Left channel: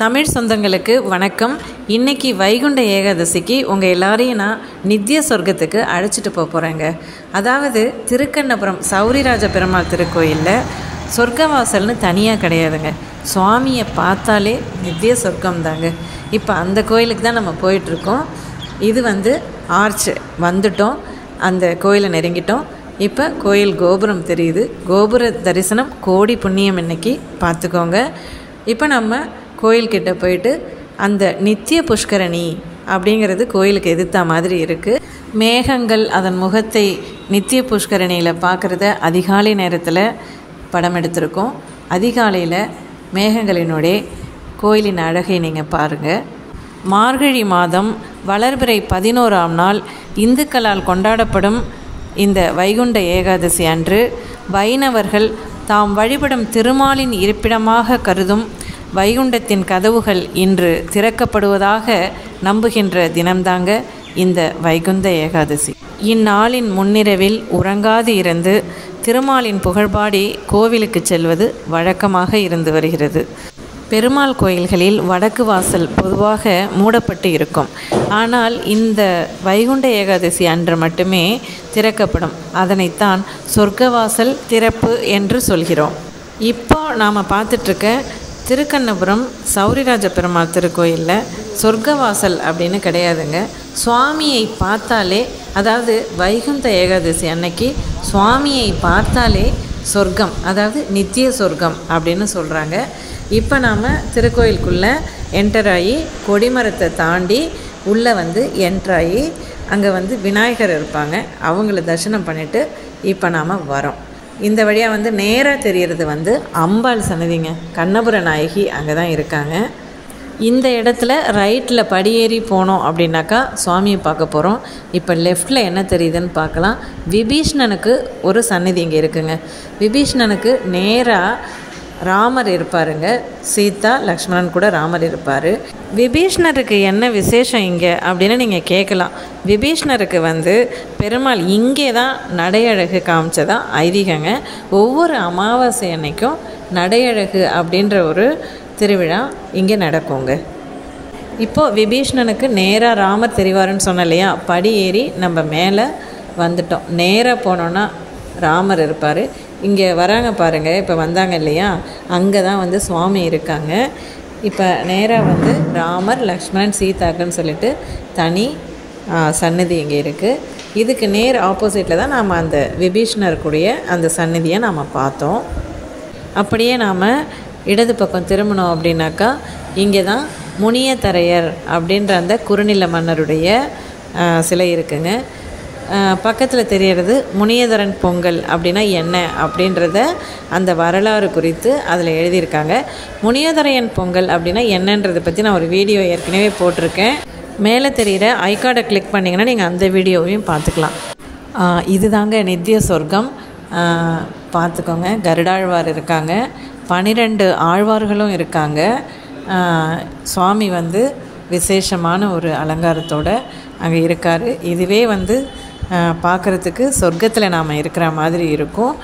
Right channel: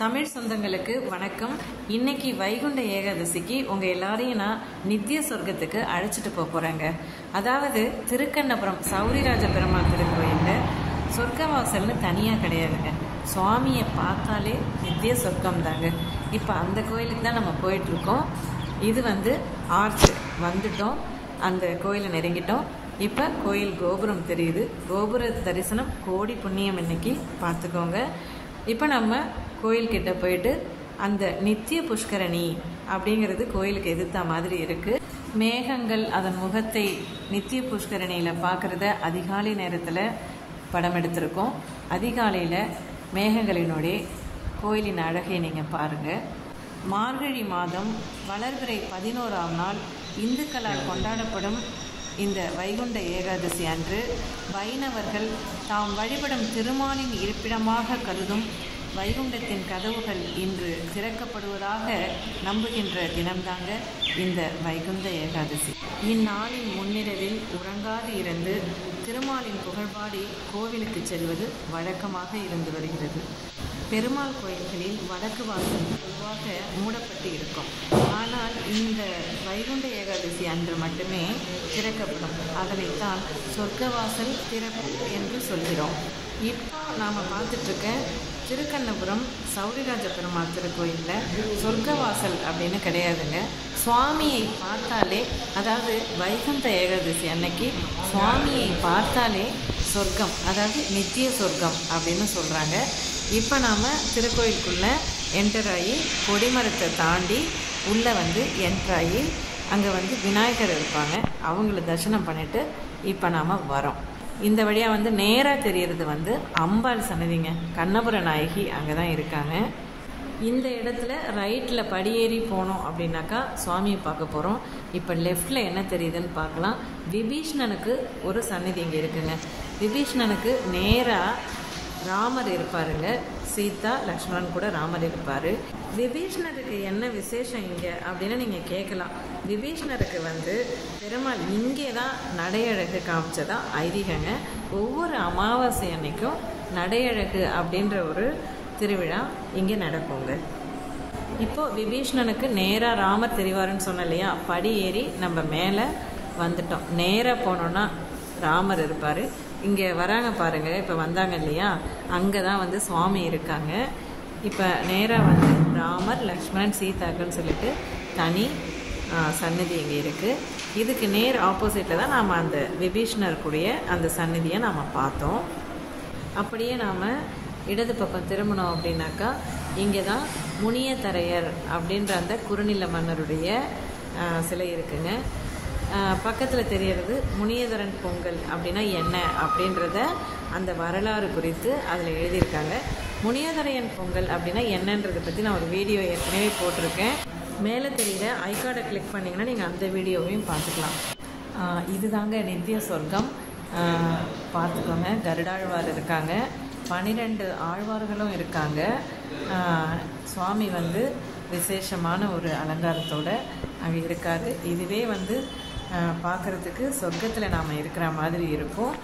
தமிழ் சொந்தங்களுக்கு வணக்கம். இன்றைக்கி வைகுண்ட ஏகாதசிக்கு உங்கள் எல்லாரையும் நான் நித்திய சொர்க்கத்துக்கு அழைச்சிட்டு போகிறேங்க. அதாவது திருக்கண்ணபுரம் சௌரிராஜ பெருமாள் திருக்கோயிலில் சொர்க்கவாசல்னு தனியாக கிடையாதுங்க. சுவாமியை பார்த்தாலே நித்திய சொர்க்கம் தாங்க. இப்போ அந்த கோயிலுக்கு தான் நம்ம போயிட்டுருக்கோம். இது ஆர்ச் வந்துட்டோம், அந்த கோயிலை நெருங்கிட்டோம். இப்போ கோயில் கோபுரம் தெரியுது. கோபுர தரிசனம் கோடி புண்ணியம் இன்னைக்கு பார்த்துக்கோங்க. இப்போ நம்ம கோயில்கிட்ட போயிட்டு அந்த நித்திய புஷ்கரணி அப்படிங்கிறது கோயிலுக்கு எதிர்த்த மாதிரி இருக்குது. மேகங்கள் அதன் முகத்தை நித்திய புஷ்கரணியில் பார்க்குறத அதிகாலை நேரத்தில் படம் எடுத்திருக்கோம். அதிகாலையில் மேகங்களினுடைய கோயிலின் அழகை நீங்கள் பாருங்கள். மார்கழி மாதம் வளர்பிறை 11ஆம் நாள் இந்துக்களால் கொண்டாடப்படும் இந்த வைகுண்ட ஏகாதசி அன்று வைணவர்கள் தாம் வழிபடும் திருமாலின் இருப்பிடமாக கருதும் வைகுண்டத்தின் கதவுகள் இன்று திறக்கப்படுவதாக நம்புகின்ற தினம்தாங்க இந்த வைகுந்த ஏகாதசி. இந்நாளின் முன்னிரவில் உறங்காது இருந்து திருமாலின் புகழ்பாடி கோவிலுக்கு செல்வது வழக்கமாக இருந்து வருகிறது. பெருமாள் கோயில்களில் வடக்கு வாசல் பொதுவாக மூடப்பட்டு இருக்கும். ஆனால் இந்த வைகுண்ட ஏகாதசி அன்று மட்டுமே திறக்கப்படும். அதனைத்தான் சொர்க்கவாசல் திறப்பு என்று சொல்கிறோம். இப்போ நாம் பார்த்துட்ருக்க திருக்கண்ணபுரம் சௌரிராஜ பெருமாள் திருக்கோயிலில் சொர்க்கவாசல் அப்படின்னு கிடையாதுங்க. சுவாமியை பார்த்தாலே, அதாவது வைகுண்ட ஏகாதசி அன்னைக்கு சுவாமியை பார்த்தாலே சொர்க்கம், அதாவது நித்திய சொர்க்கம் அப்படின்னு சொல்கிறாங்க. இப்போ நாம் திருக்கோயிலுக்குள்ளே என்டராகி கொடிமரத்தை தாண்டி உள்ளே என்ட்ராகி அங்கே விநாயகர் இருப்பாங்க. அவங்கள தரிசனம் பண்ணிவிட்டு இப்போ நாம் வரோம். இந்த வழியாக நேராக தெரிகிறது அம்பாள் சன்னதிங்க. கண்ணபுர நாயகி அங்கே தான் இருக்காங்க. இந்த இடத்துல ரைட்டில் படியேறி போனோம் அப்படின்னாக்கா சுவாமியை பார்க்க போகிறோம். இப்போ லெஃப்டில் என்ன தெரியுதுன்னு பார்க்கலாம். விபீஷ்ணனுக்கு ஒரு சன்னதி இங்கே இருக்குங்க. விபீஷ்ணனுக்கு நேராக ராமர் இருப்பாருங்க. சீதா லக்ஷ்மணன் கூட ராமர் இருப்பார். விபீஷ்ணருக்கு என்ன விசேஷம் இங்கே அப்படின்னு நீங்கள் கேட்கலாம். விபீஷ்ணருக்கு பெருமாள் இங்கே தான் நடையழகு காமிச்சதான் ஐதீகங்க. ஒவ்வொரு அமாவாசை அன்னைக்கும் நடையழகு அப்படின்ற ஒரு திருவிழா இங்கே நடக்குங்க. இப்போது விபீஷ்ணனுக்கு நேராக ராமர் தெரிவாருன்னு சொன்ன இல்லையா, படி ஏறி நம்ம மேலே வந்துட்டோம். நேராக போனோன்னா ராமர் இருப்பார். இங்கே வராங்க பாருங்கள், இப்போ வந்தாங்க இல்லையா, அங்கே தான் சுவாமி இருக்காங்க. இப்போ நேராக ராமர் லக்ஷ்மணன் சீதாக்குன்னு சொல்லிட்டு தனி சன்னதி இங்கே இருக்குது. இதுக்கு நேர் ஆப்போசிட்டில் தான் நாம் அந்த விபீஷ்ணருக்குடைய அந்த சன்னதியை நாம் பார்த்தோம். அப்படியே நாம் இடது பக்கம் திரும்பினோம் அப்படின்னாக்கா இங்கே தான் முனியதரையர் அப்படின்ற அந்த குறுநில மன்னருடைய சிலை இருக்குங்க. பக்கத்தில் தெரியறது முனியதரன் பொங்கல் அப்படின்னா என்ன அப்படின்றத அந்த வரலாறு குறித்து அதில் எழுதியிருக்காங்க. முனியதரையன் பொங்கல் அப்படின்னா என்னன்றதை பற்றி நான் ஒரு வீடியோ ஏற்கனவே போட்டிருக்கேன். மேலே தெரிகிற ஐகார்டை கிளிக் பண்ணிங்கன்னா நீங்கள் அந்த வீடியோவையும் பார்த்துக்கலாம். இதுதாங்க நித்திய சொர்க்கம். பார்த்துக்கோங்க, கருடாழ்வார் இருக்காங்க, 12 ஆழ்வார்களும் இருக்காங்க. சுவாமி விசேஷமான ஒரு அலங்காரத்தோடு அங்கே இருக்கார். இதுவே பார்க்குறதுக்கு சொர்க்கத்தில் நாம் இருக்கிற மாதிரி இருக்கும்.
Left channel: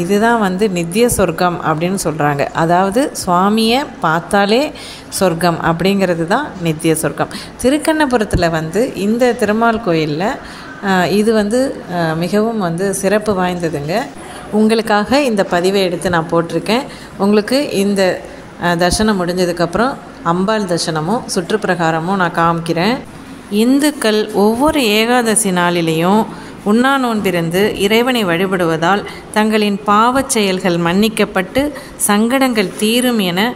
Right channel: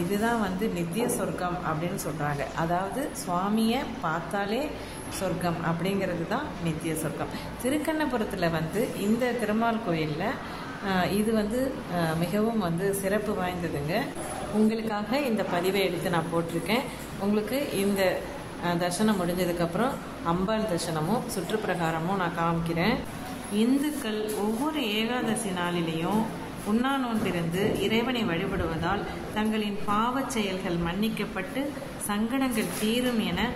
இதுதான் நித்திய சொர்க்கம் அப்படின்னு சொல்கிறாங்க. அதாவது சுவாமியை பார்த்தாலே சொர்க்கம் அப்படிங்கிறது தான் நித்திய சொர்க்கம். திருக்கண்ணபுரத்தில் இந்த திருமால் கோயிலில் இது மிகவும் சிறப்பு வாய்ந்ததுங்க. உங்களுக்காக இந்த பதிவை எடுத்து நான் போட்டிருக்கேன். உங்களுக்கு இந்த தரிசனம் முடிஞ்சதுக்கப்புறம் அம்பாள் தரிசனமும் சுற்றுப்பிரகாரமும் நான் காமிக்கிறேன். இந்துக்கள் ஒவ்வொரு ஏகாதசி நாளிலேயும் உண்ணா நோன்பிருந்து இறைவனை வழிபடுவதால் தங்களின் பாவச் செயல்கள் மன்னிக்கப்பட்டு சங்கடங்கள் தீரும் என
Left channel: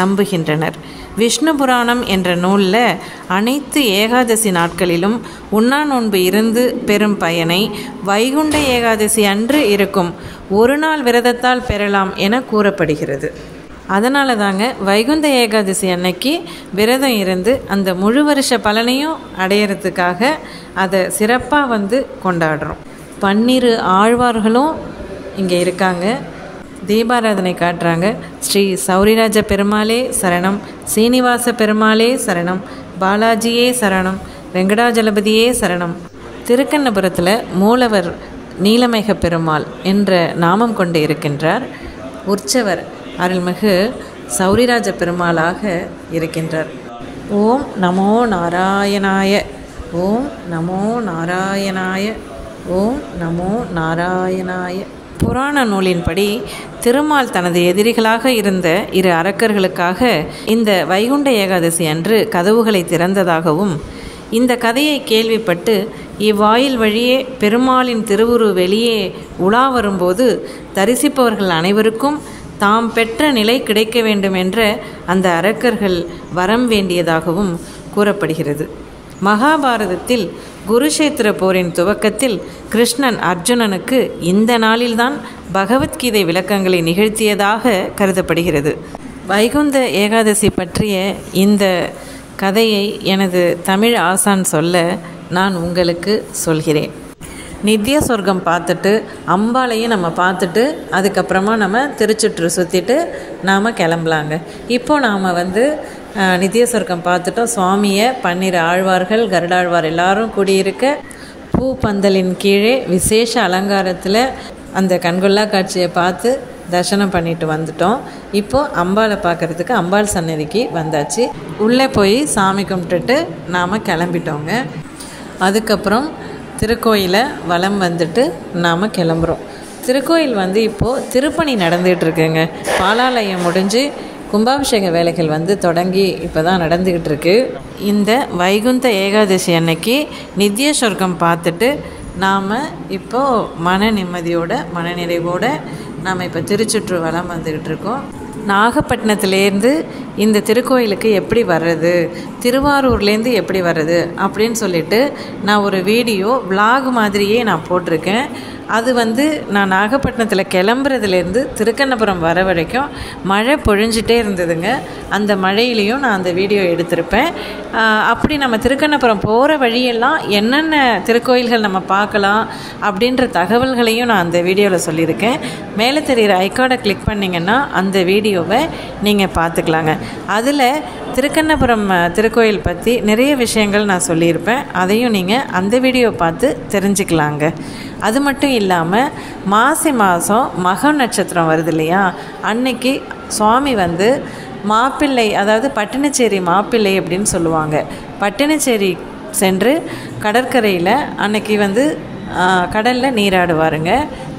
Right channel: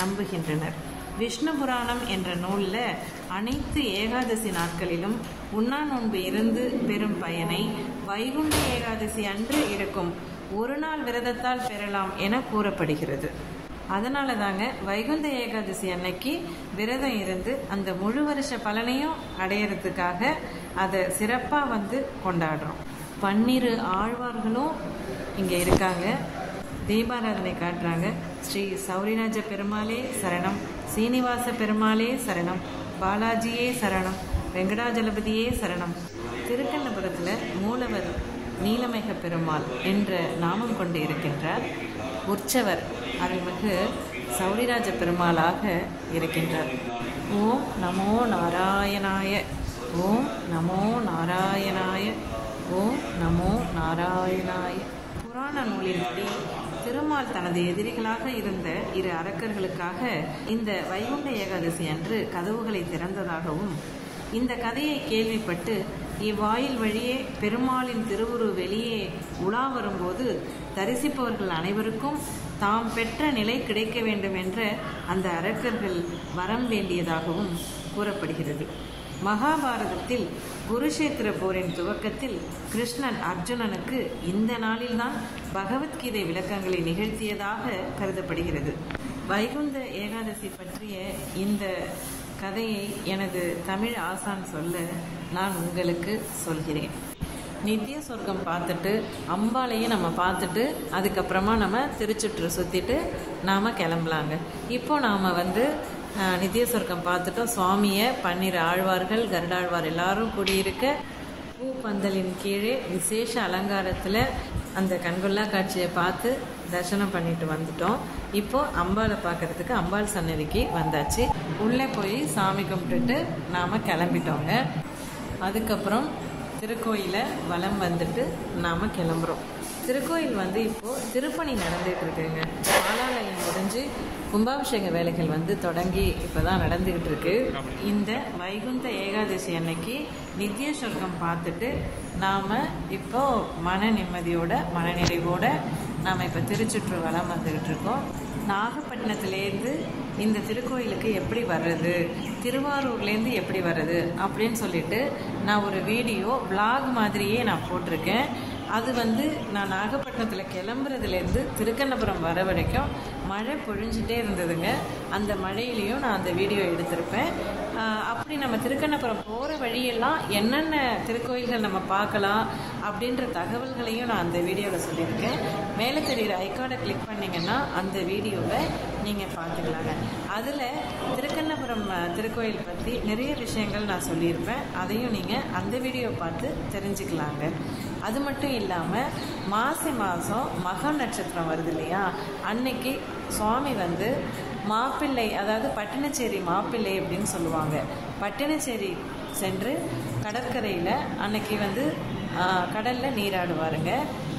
நம்புகின்றனர். விஷ்ணு புராணம் என்ற நூலில் அனைத்து ஏகாதசி நாட்களிலும் உண்ணா நோன்பு இருந்து பெறும் பயனை வைகுண்ட ஏகாதசி அன்று இருக்கும் ஒரு நாள் விரதத்தால் பெறலாம் என கூறப்படுகிறது. அதனால தாங்க வைகுந்த ஏகாதசி அன்னைக்கு விரதம் இருந்து அந்த முழு வருஷ பலனையும் அடையிறதுக்காக அதை சிறப்பாக கொண்டாடுறோம். 12 ஆழ்வார்களும் இங்கே இருக்காங்க. தீபாராதனை காட்டுறாங்க. ஸ்ரீ சௌரிராஜ பெருமாளே சரணம், சீனிவாச பெருமாளே சரணம், பாலாஜியே சரணம், வெங்கடாஜலபதியே சரணம். திருக்கண்ணபுரத்தில் மூலவர் நீலமேக பெருமாள் என்ற நாமம் கொண்டு இருக்கின்றார். உற்சவர் அருள்மிகு சௌரிராஜ பெருமாளாக இருக்கின்றார். ஓம் நமோ நாராயணாய. ஓம் நமோ நாராயணாய. ஓம் நமோ நாராயணாய. புராண நூலின்படி திருமால் தனது எதிரிகளாக இருந்த இரு அரக்கர்களுக்காக இந்த வைகுண்ட ஏகாதசி அன்று கதவுகளை திறந்ததாகவும், இந்த கதையை கேள்விப்பட்டு இவ்வாயில் வழியே பெருமாளின் திருவுரு வெளியே உலா வரும்போது தரிசிப்பவர்கள் அனைவருக்கும் தாம் பெற்ற நிலை கிடைக்க வேண்டும் என்ற அந்த அரக்கர்கள் வரம் வேண்டியதாகவும் கூறப்படுகிறது. மகாபாரதத்தில் குருஷேத்திர போரின் துவக்கத்தில் கிருஷ்ணன் அர்ஜுனனுக்கு இந்த நாளில்தான் பகவத்கீதை விளக்கங்களை நிகழ்த்தியதாக கருதப்படுகிறது. வைகுந்த ஏகாதசி பற்றிய இந்த கதையை எனது தமிழ் ஆசான் சொல்ல நான் உங்களுக்கு சொல்கிறேன். நித்திய சொர்க்கம் பார்த்துட்டு அம்பாளையும் நம்ம பார்த்துட்டு அதுக்கப்புறமா நம்ம திருச்சுற்று சுற்றிட்டு நாம் கிளம்பலாங்க. இப்போது நாம் நித்திய சொர்க்கம் பார்த்துட்டோம். சுவாமியை 12 ஆழ்வார்கள் கருடாழ்வார் எல்லாரும் கூடியிருக்க பூப்பந்தலின் கீழே விசேஷ அலங்காரத்தில் அந்த கண்கொள்ளா காட்சியை பார்த்து தரிசனம் பண்ணிட்டு வந்துட்டோம். இப்போது அம்பாளை பார்க்குறதுக்கு அம்பாள் சன்னதிக்கு வந்தாச்சு. உள்ளே போய் சாமி கும்பிட்டுட்டு நாம் கிளம்பிட்டோங்க. அதுக்கப்புறம் திருக்கோயிலை வலம் வந்துட்டு நாம் கிளம்புறோம். திருக்கோயில் இப்போது திருப்பணி நடந்துகிட்ருக்குங்க. பாலாலயம் முடிஞ்சு கும்பாபிஷேக வேலைகள் தொடங்கி இப்போ தான் நடந்துக்கிட்டு இருக்கு. இந்த வைகுந்த ஏகாதசி அன்னைக்கு நித்திய சொர்க்கம் பார்த்துட்டு நாம் இப்போது மன நிம்மதியோட மனநிறைவோடு நாம் இப்போ திருச்சுற்று வலம் வந்துக்கிட்டு இருக்கோம். நாகப்பட்டினத்துலேருந்து இந்த திருக்கோயிலுக்கு எப்படி வர்றது, திருவாரூர்லேருந்து எப்படி வர்றது அப்படின்னு சொல்லிட்டு நான் ஒரு வீடியோ விலாக் மாதிரியே நான் போட்டிருக்கேன். அது நான் நாகப்பட்டினத்தில் கிளம்புறதுலேருந்து திருக்கண்ணபுரம் வர வரைக்கும் மழை பொழிஞ்சிட்டே இருந்ததுங்க. அந்த மழையிலையும் நான் அந்த வீடியோ எடுத்திருப்பேன். அப்படி நம்ம திருக்கண்ணபுரம் போகிற வழியெல்லாம் என்னென்ன திருக்கோயில்கள் நம்ம பார்க்கலாம் அப்படின்ற தகவல்களையும் நான் அந்த வீடியோவில் சொல்லியிருக்கேன். மேலே தெரிகிற ஐகார்டை கிளிக் பண்ணிங்கன்னா அந்த வீடியோவை நீங்கள் பார்த்துக்கலாங்க. அதில் திருக்கண்ணபுரம் திருக்கோயில் பற்றி நிறைய விஷயங்கள் நான் சொல்லியிருப்பேன். அதையும் நீங்கள் அந்த வீடியோ பார்த்து தெரிஞ்சுக்கலாங்க. அது மட்டும் இல்லாமல் மாசி மாதம் மக நட்சத்திரம் வருது இல்லையா, அன்னைக்கு சுவாமி மாப்பிள்ளை, அதாவது பட்டினச்சேரி மாப்பிள்ளை அப்படின்னு சொல்லுவாங்க. பட்டினச்சேரி சென்று கடற்கரையில் அன்னைக்கு கடலில் நீராடுவாருங்க.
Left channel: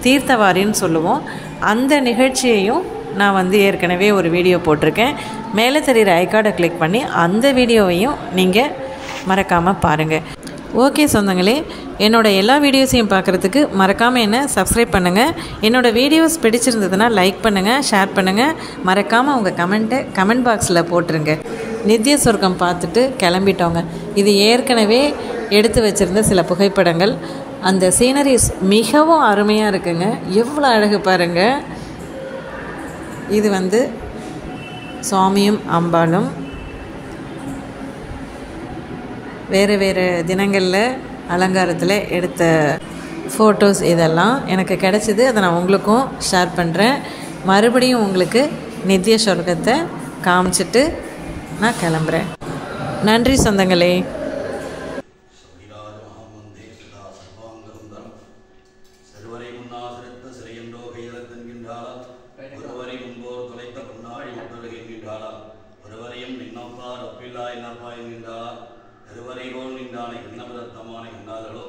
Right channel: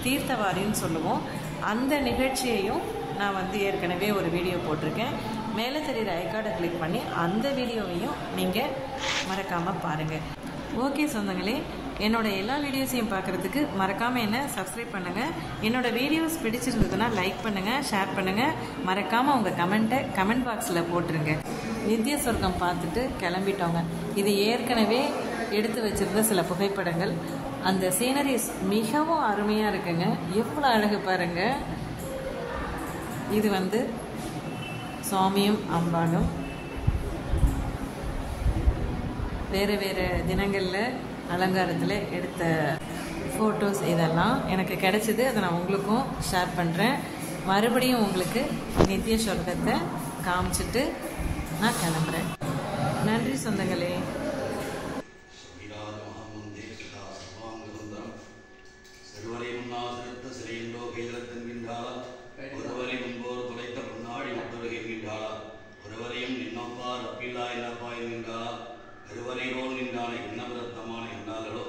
தீர்த்தவாரின்னு சொல்லுவோம். அந்த நிகழ்ச்சியையும் நான் ஏற்கனவே ஒரு வீடியோ போட்டிருக்கேன். மேலே தெரிகிற ஐகார்டை கிளிக் பண்ணி அந்த வீடியோவையும் நீங்கள் மறக்காமல் பாருங்கள். ஓகே சொந்தங்களே, என்னோடய எல்லா வீடியோஸையும் பார்க்குறதுக்கு மறக்காமல் என்ன சப்ஸ்கிரைப் பண்ணுங்கள். என்னோடய வீடியோஸ் பிடிச்சிருந்ததுன்னா லைக் பண்ணுங்கள், ஷேர் பண்ணுங்கள். மறக்காமல் உங்கள் கமெண்ட்டை கமெண்ட் பாக்ஸில் போட்டுருங்க. நித்திய சொர்க்கம் பார்த்துட்டு கிளம்பிட்டோங்க. இது ஏற்கனவே எடுத்து வச்சுருந்த சில புகைப்படங்கள். அந்த சீனரிஸ் மிகவும் அருமையாக இருக்குங்க. எவ்வளோ அழகு பாருங்கள். இது சுவாமியும் அம்பாளும் வேறு வேறு தினங்களில் அலங்காரத்தில் எடுத்த ஃபோட்டோஸ் இதெல்லாம் எனக்கு கிடச்சிது. அதை நான் உங்களுக்கும் ஷேர் பண்ணுறேன். மறுபடியும் உங்களுக்கு நித்திய சொர்க்கத்தை காமிச்சிட்டு நான் கிளம்புறேன். நன்றி சொந்தங்களே. கருவறையோல் நின்றானை இன்னபுரத்தமான என்னார்களோ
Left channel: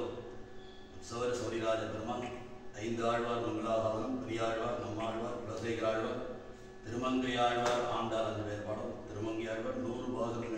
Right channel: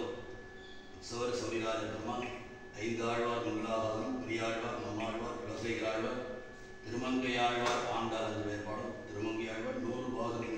உற்சவர சௌரிராஜ பெருமான் 5 ஆழ்வார் மங்களாதாரம் பெரியாழ்வார் நம்மாழ்வார் குலசேகராழ்வார் திருமங்கையாழ்வார் ஆண்டார் 5 பேர் பாடம் திருமங்கையாழ்வார் 100 பாசனம்